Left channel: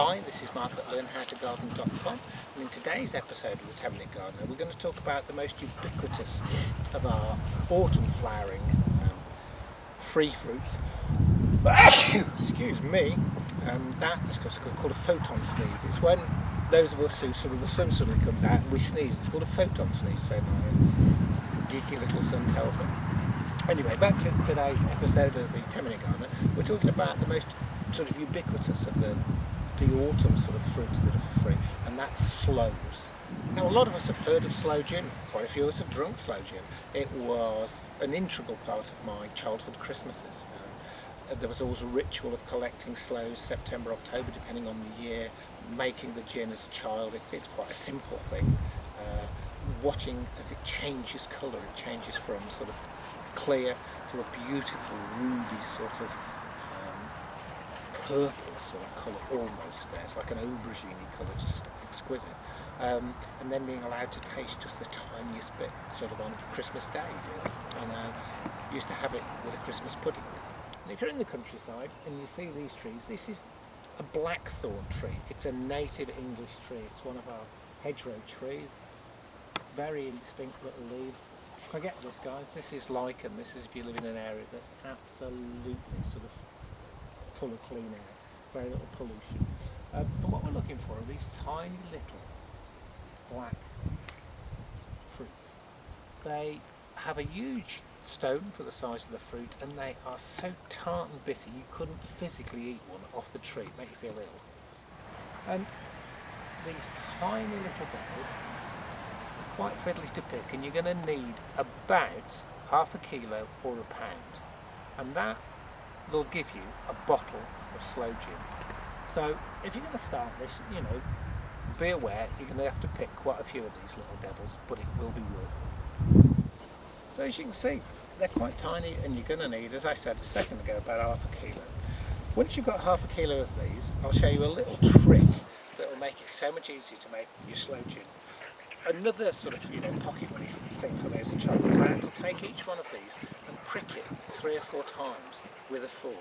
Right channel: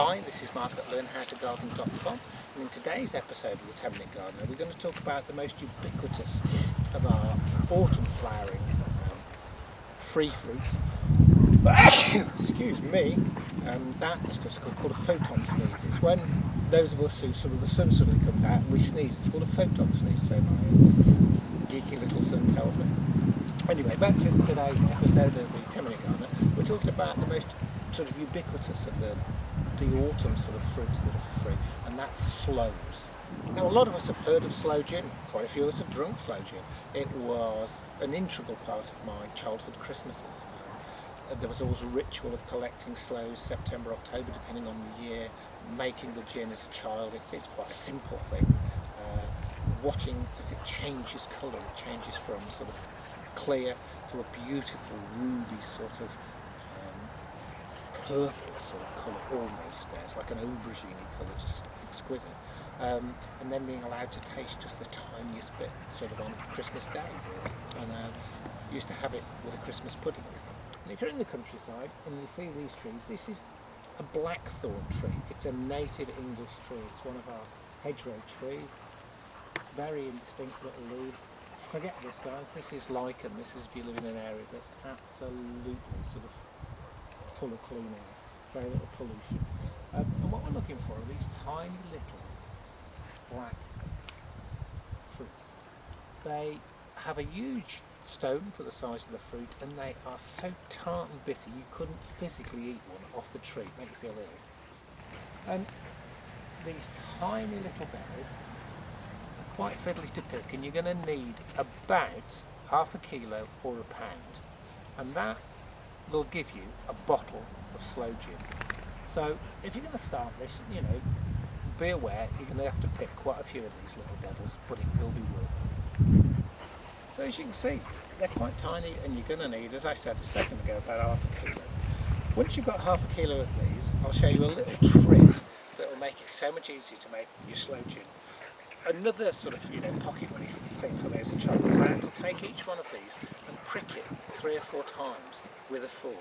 Hi, this is Mark at learnhowtogarden.com, and in today's episode of the 10-Minute Gardener we're going to talk about the most ubiquitous of our autumn flowering free fruits. Excuse me, that is called a photon sneeze. It's when those of us who the sun suddenly comes out and we sneeze. It's called a photon sneeze, so my geeky little son tells me. Anyway, back to today's episode of the 10-Minute Gardener. We're talking about the most sort of ubiquitous of the autumn sort of fruits that are free, and that's sloes. Now, a lot of us have heard of Sloe Gin. Quite a few of us have drunk Sloe Gin. It was an integral part of my childhood Christmases. There was always a ritual of collecting sloes September, October, depending on the year, making the gin as a child. It's quite a simple thing. Watching as it changes colour, it changes from sort of clear to a beautiful ruby sort of purple sort of colour almost there. It's like an aubergine colour, it's just exquisite. And then being allowed to taste just the tiniest bit sort of on Christmas Day, really. And used to have it with a Christmas pudding. And if you're in the countryside and you see these trees, this is a blackthorn tree. It's a native English tree. It's one of our hedgerow trees. Very indistinct little leaves. Forget this, guys. This is lichen. This is if you live in an area that's absolutely sort of full of clean air, very little pollution. And what we're looking for are these tiny little black fruits. They have a huge stone for the size of the fruit, and they are so tart and bitter you couldn't physically eat one off the tree, make you feel ill. And these tiny little berries are quite fiddly to pick, and you're going to need about half a kilo or a pound, and that will give you a bottle of Sloe Gin. So if you're going to start this, be aware you're going to have to pick quite a few of these little devils, but it will be worth it. So as you can see, they're quite tiny, and you're going to need, as I said a second ago, about half a kilo. Once you've got half a kilo of these, I'll show you a little trick that will make it so much easier to make your Sloe Gin. Another sort of pocket money thing for me as a child was I had to take each one of these and prick it 3 or 4 times with a fork,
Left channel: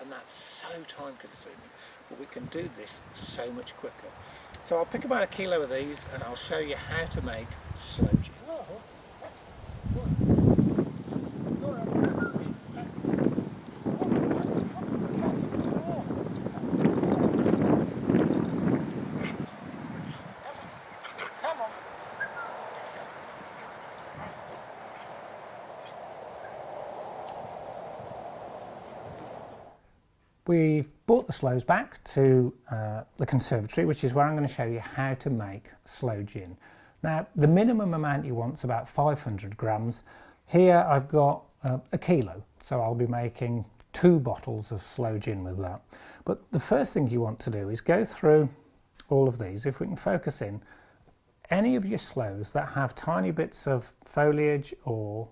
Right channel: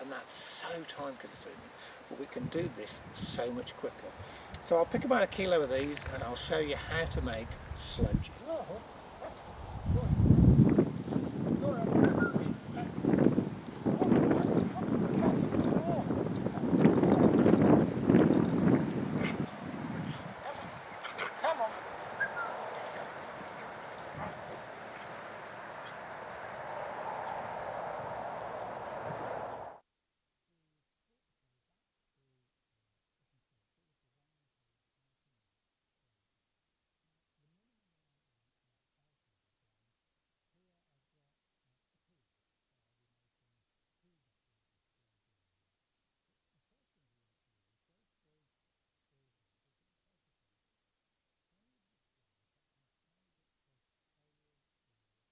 and that's so time consuming, but we can do this so much quicker. So I'll pick about a kilo of these and I'll show you how to make Sloe Gin. We've brought the sloes back to the conservatory, which is where I'm going to show you how to make Sloe Gin. Now, the minimum amount you want is about 500 grams. Here I've got a kilo, so I'll be making 2 bottles of Sloe Gin with that. But the first thing you want to do is go through all of these. If we can focus in, any of your sloes that have tiny bits of foliage or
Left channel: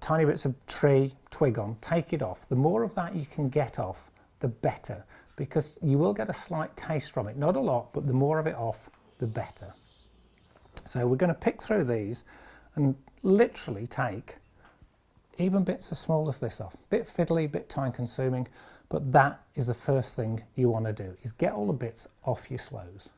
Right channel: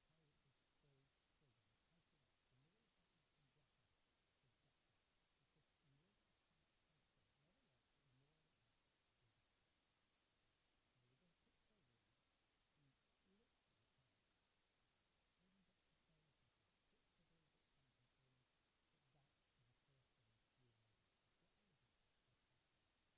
tiny bits of twig on, take it off. The more of that you can get off, the better, because you will get a slight taste from it. Not a lot, but the more of it off, the better. So we're going to pick through these and literally take even bits as small as this off. Bit fiddly, bit time consuming, but that is the first thing you want to do, is get all the bits off your sloes.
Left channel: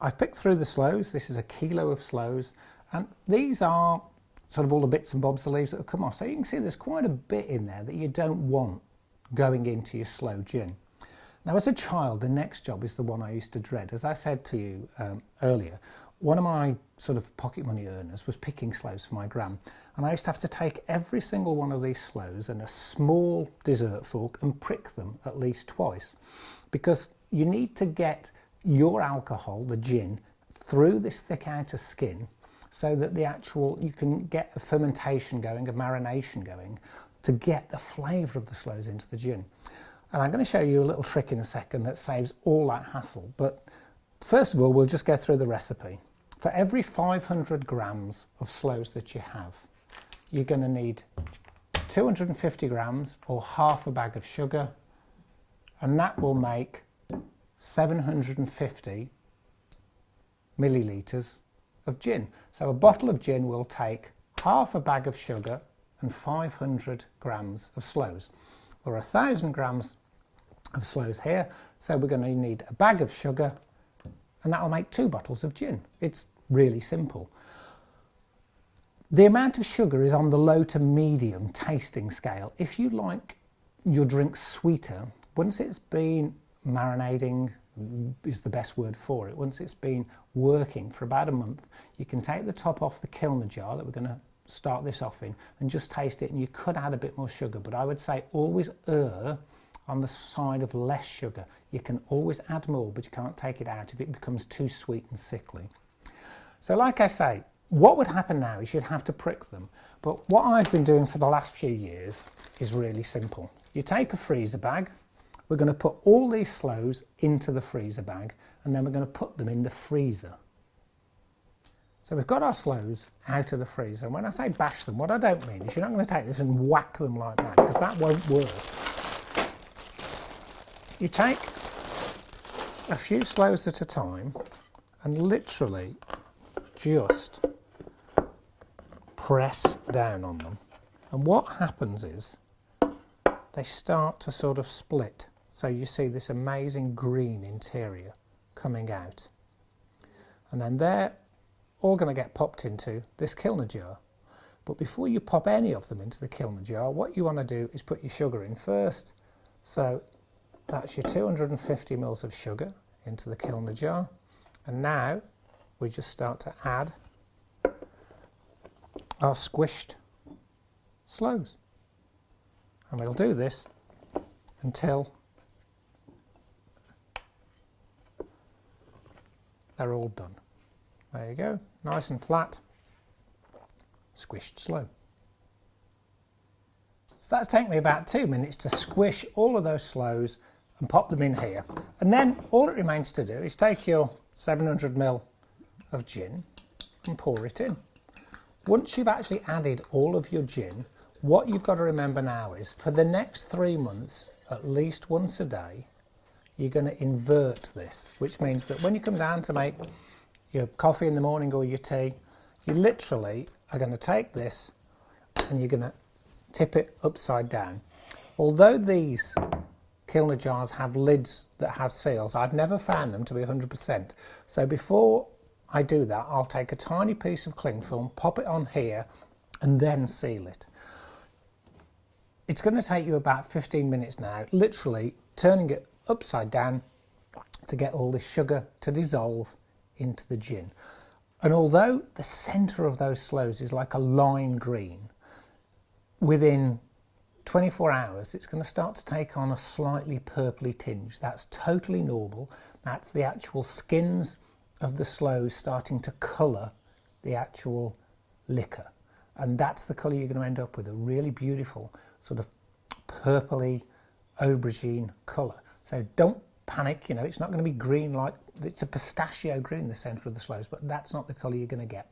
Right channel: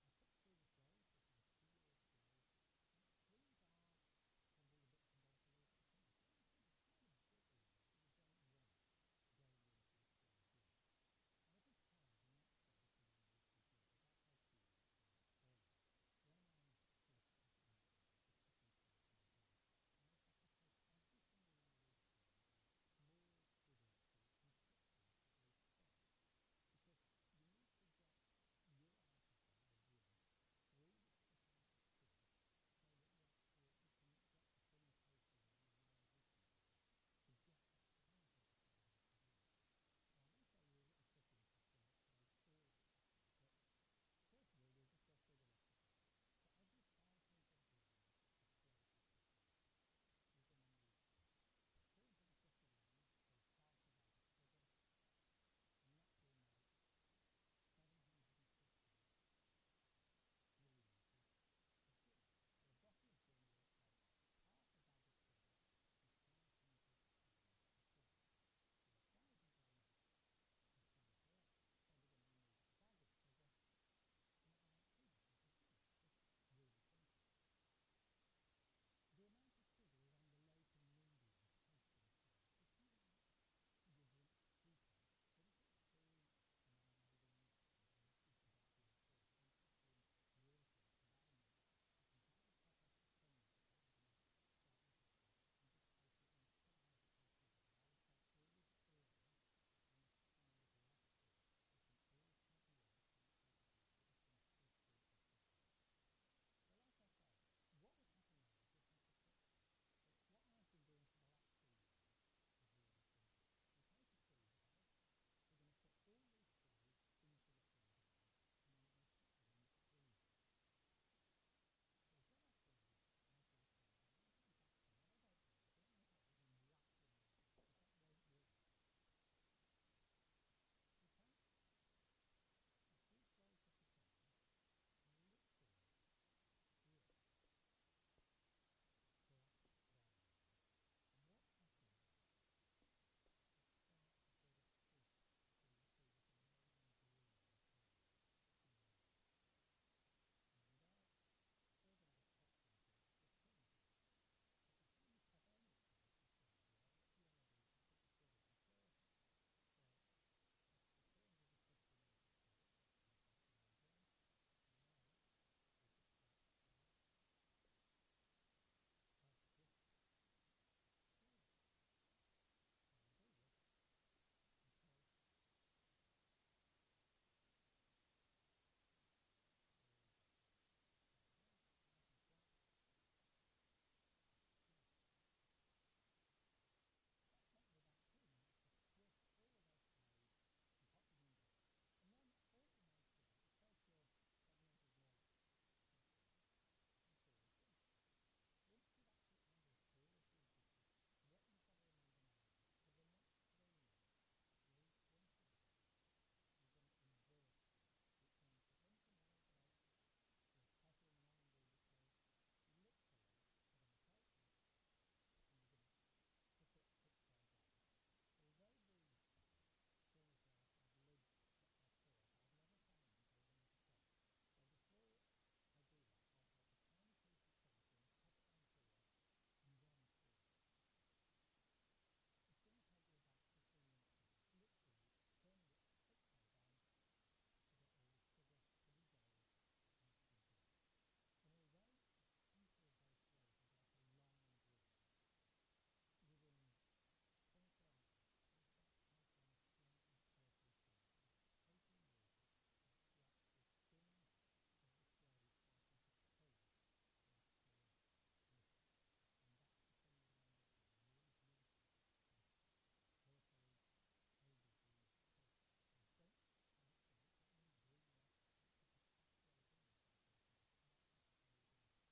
I've picked through the sloes. This is a kilo of sloes, and these are sort of all the bits and bobs, the leaves that have come off. So you can see there's quite a bit in there that you don't want going into your Sloe Gin. Now, as a child, the next job is the one I used to dread. As I said to you earlier, one of my sort of pocket money earners was picking sloes for my gran, and I used to have to take every single one of these sloes and a small dessert fork and prick them at least twice, because you need to get your alcohol, the gin, through this thick outer skin, so that you can get a fermentation going, a marination going, to get the flavour of the sloes into the gin. And I'm going to show you a little trick in a second that saves all that hassle. But first of all, we'll just go through the recipe. For every 500 grams of sloes that you have, you're going to need 250 grams or half a bag of sugar, and that will make 750 millilitres of gin. So a bottle of gin will take half a bag of sugar and 500 grams of sloes. Or 1,000 grams of Sloes here. So we're going to need a bag of sugar, and that will make 2 bottles of gin. It's really simple. The amount of sugar is on the low to medium tasting scale. If you like your drink sweeter, once it's been marinating, is the best word for it, once it's been working for about a month, you can take the top off the kilner jar that we're going to start this off in and just taste it, and you could add a bit more sugar, but I would say always err on the side of less sugar. You can always add more, but you can't take it out if it becomes too sweet and sickly. So like I say, what would happen now is you'd have to prick them, but what I've been doing for the last few years is really simple. You take a freezer bag, we're going to put all these Sloes into the freezer bag, and then we're going to put them in the freezer. So we've got our Sloes out of the freezer, and when I say bash them, what I don't mean is you're not going to take this and whack them like that, because that won't work. You take a few Sloes at a time and literally just press down on them, and what happens is they start to sort of split, so you see this amazing green interior coming out, and then they're all going to get popped into this kilner jar. But before you pop any of them into the kilner jar, what you want to do is put your sugar in first. So that's your 250 mils of sugar into the kilner jar, and now we just start to add our squished Sloes, and we'll do this until they're all done. There you go, nice and flat, squished Sloe. So that's taken me about 2 minutes to squish all of those Sloes and pop them in here, and then all it remains to do is take your 700 ml of gin and pour it in. Once you've actually added all of your gin, what you've got to remember now is for the next 3 months, at least once a day, you're going to invert this, which means that when you come down to make your coffee in the morning or your tea, you literally are going to take this and you're going to tip it upside down. Although these kilner jars have lids that have seals, I've never found them to be 100%. So before I do that, I'll take a tiny piece of cling film, pop it on here, and then seal it. It's going to take you about 15 minutes now, literally turning it upside down to get all the sugar to dissolve into the gin. And although the centre of those Sloes is like a lime green, within 24 hours it's going to start to take on a slightly purpley tinge. That's totally normal. That's the actual skins of the Sloes starting to colour the actual liquor, and that's the colour you're going to end up with, a really beautiful sort of purpley aubergine colour. So don't panic, you know, it's not going to be green like, it's a pistachio green, the centre of the Sloes, but that's not the colour you're going to get.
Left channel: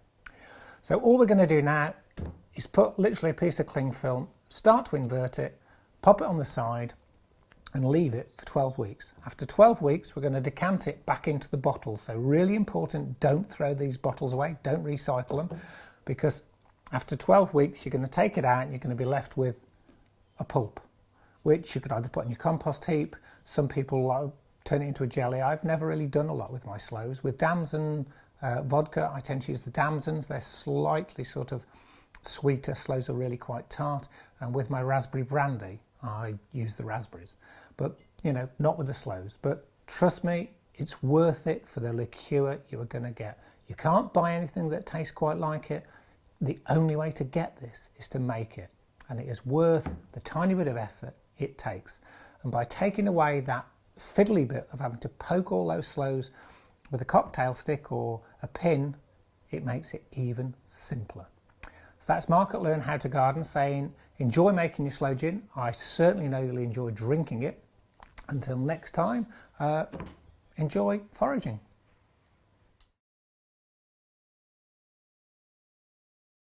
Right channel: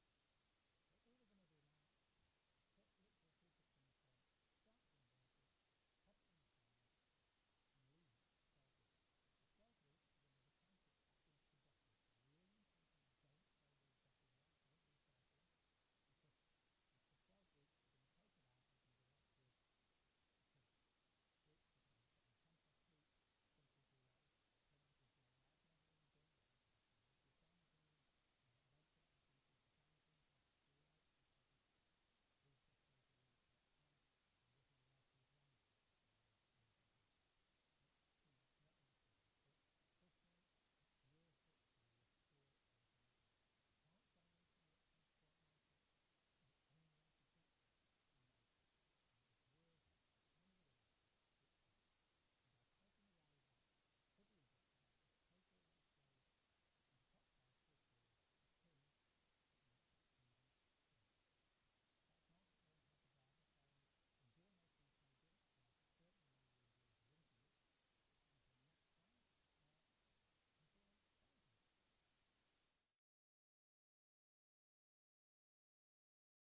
So all we're going to do now is put literally a piece of cling film, start to invert it, pop it on the side and leave it for 12 weeks. After 12 weeks we're going to decant it back into the bottles. So really important, don't throw these bottles away, don't recycle them, because after 12 weeks you're going to take it out and you're going to be left with a pulp, which you could either put in your compost heap. Some people turn it into a jelly. I've never really done a lot with my Sloes. With damson vodka, I tend to use the damsons. They're slightly sort of sweeter. Sloes are really quite tart. And with my raspberry brandy, I use the raspberries. But, you know, not with the Sloes. But trust me, it's worth it for the liqueur you are going to get. You can't buy anything that tastes quite like it. The only way to get this is to make it. And it is worth the tiny bit of effort it takes. And by taking away that fiddly bit of having to poke all those Sloes with a cocktail stick or a pin, it makes it even simpler. So that's Mark at Learn How to Garden saying, enjoy making your Sloe Gin. I certainly know you'll enjoy drinking it. Until next time, enjoy foraging.